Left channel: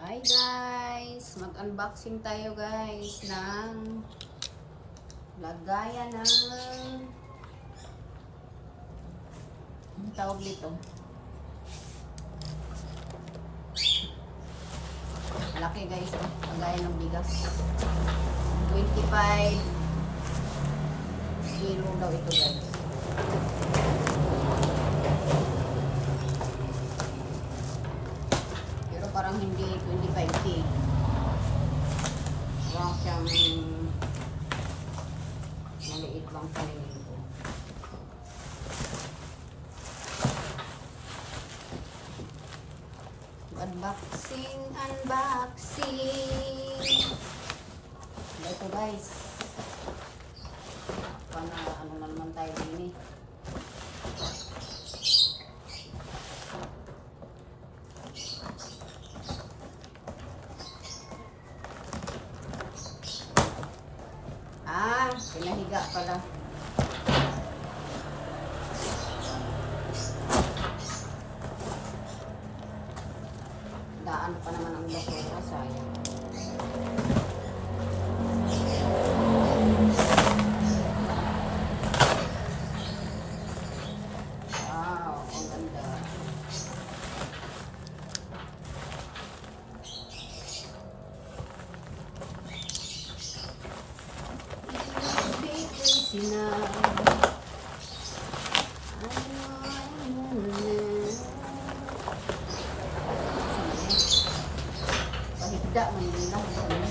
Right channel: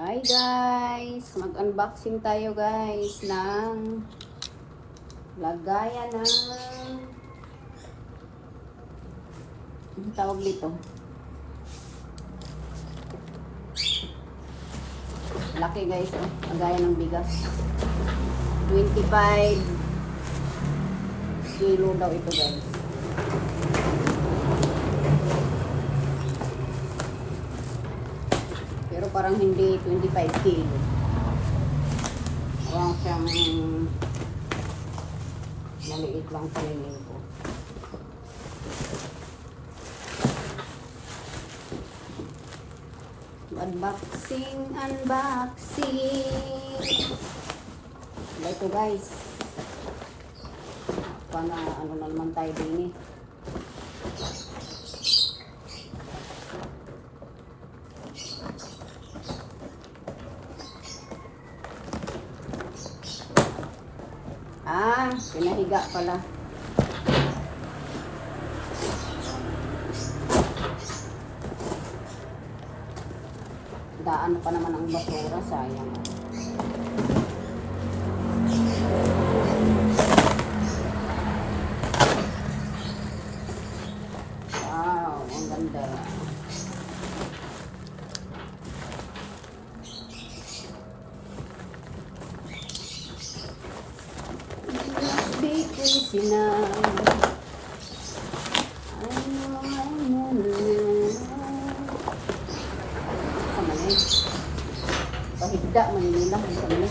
Hi guys! Mag-unboxing tayo guys ng lagayan ng ang tawag dito. Laki guys, oh. Lagayan ng bigas. 25 kilo daw ito guys. Pero parang hindi 25 kilo. Parang siyang maliit lang paningin ko. Unboxing. Ito guys. Pana ano na naman tayo din eh. Pinahiga pala. Daan pa naman ang basura, sayang. Wow, ang ganda. Pahigda manila ang kami.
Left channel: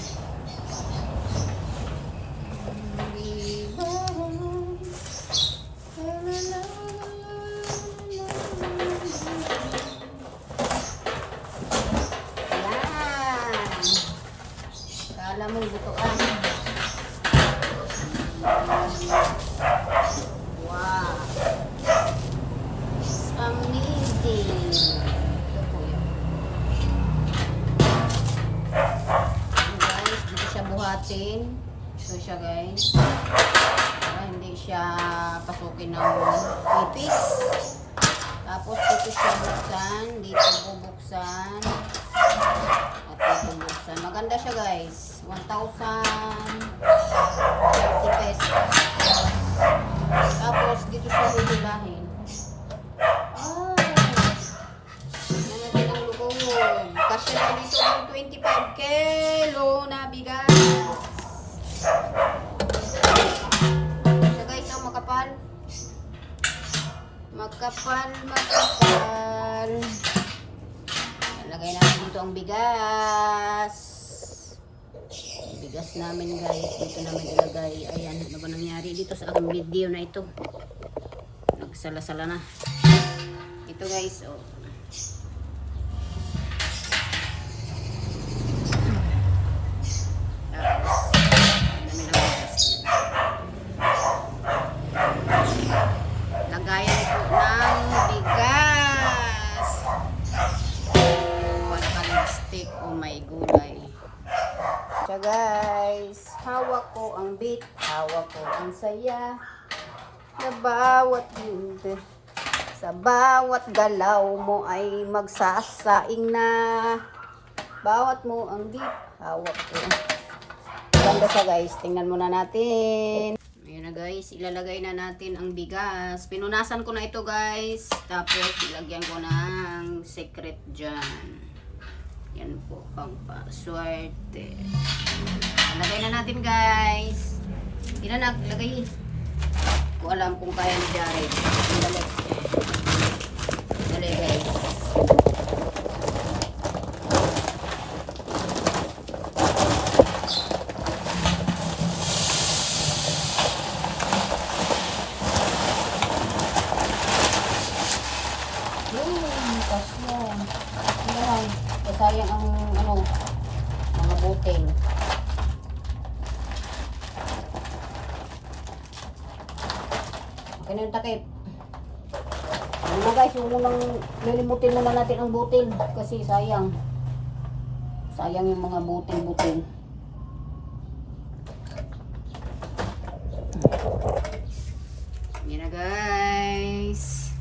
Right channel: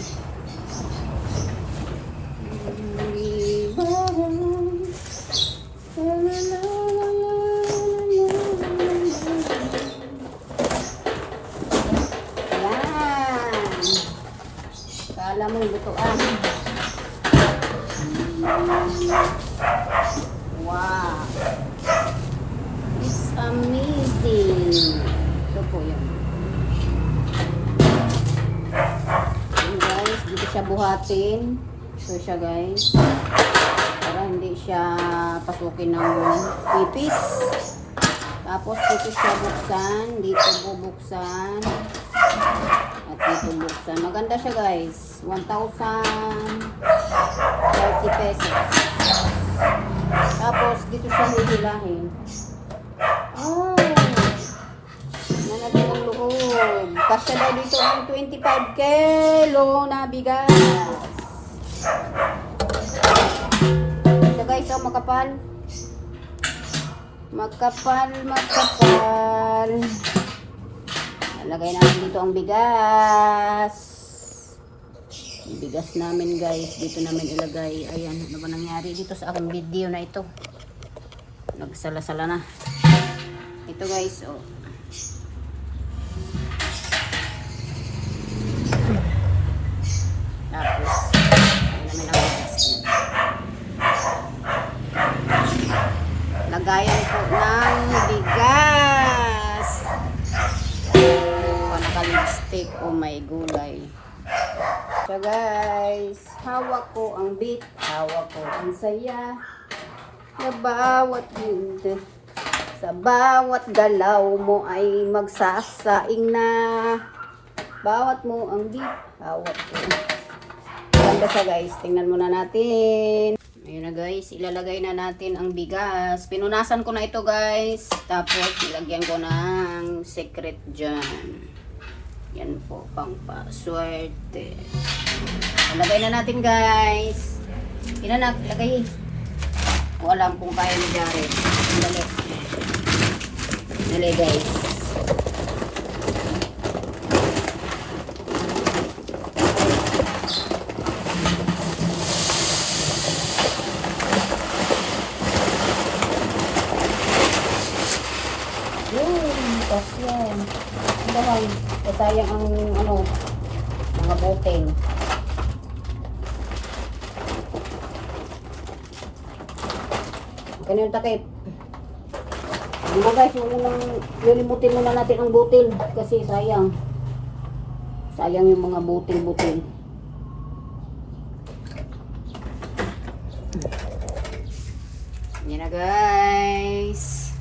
Kala mo lutuan. Wow. It's amazing. Ito po yan. Guys, dito siya buhatin. Ito siya guys. Para hindi siya pasukin ng ipis. Tapos dito siya buksan. Dito bubuksan. At dito buksan. Maganda siya guys. 1,030 pesos. Tapos dito siya hihilahin. Oh! Nalagyan ng loob. Kasya na dito ang 25 kilo na bigas. So guys, oh, makapal. Makapal. Nalagay namin dito ang bigas. Ang bigas namin guys, dito namin ilagay. Ayan, ano ba nangyari dito sa aking video na ito? Nagsala-sala na. Ito guys, oh. Tapos, lagayan po ng bigas. Panaka-lipstick o may gulay. So guys, hawak ko ang beat, hawak ko ang saya. Na bawat hindi, sa bawat galaw mo ay magsasaing na. Bawat mo ang beat, hawak ko. Ganda siya guys, tingnan muna natin. Ayun na guys, ilalagay na natin ang bigas. Pinunasan ko na ito guys. Tapos ilagyan ko ng secret dyan. Yan po, pang paswerte. Ilagay na natin guys. Inanak, lagay. Ko alam kung kaya ni Jared. Dali guys. Yan. Ano lang, sayang ang ano, mga buting. Ganyan takip. Ano guys, lilimutin muna natin ang butil kasi sayang. Sayang yung mga butil-butil. Yan na guys.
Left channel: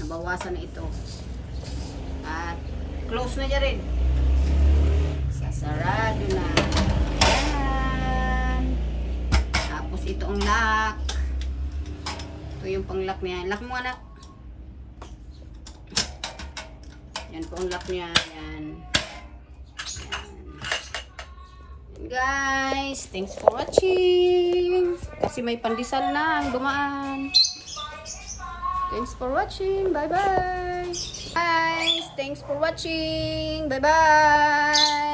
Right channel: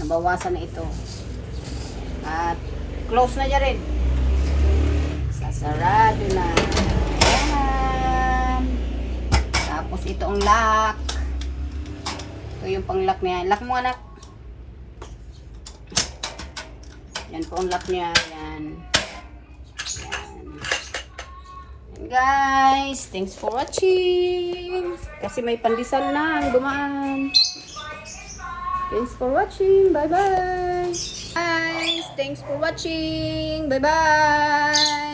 Nabawasan na ito. At close na dyan rin. Sarado na. Yan. Tapos ito ang lock. Ito yung pang lock niya. Lock mo anak. Yan po ang lock niya. Yan. Yan. And guys, thanks for watching. Kasi may pandesal na ang dumaan. Thanks for watching. Bye-bye. Guys, thanks for watching. Bye-bye.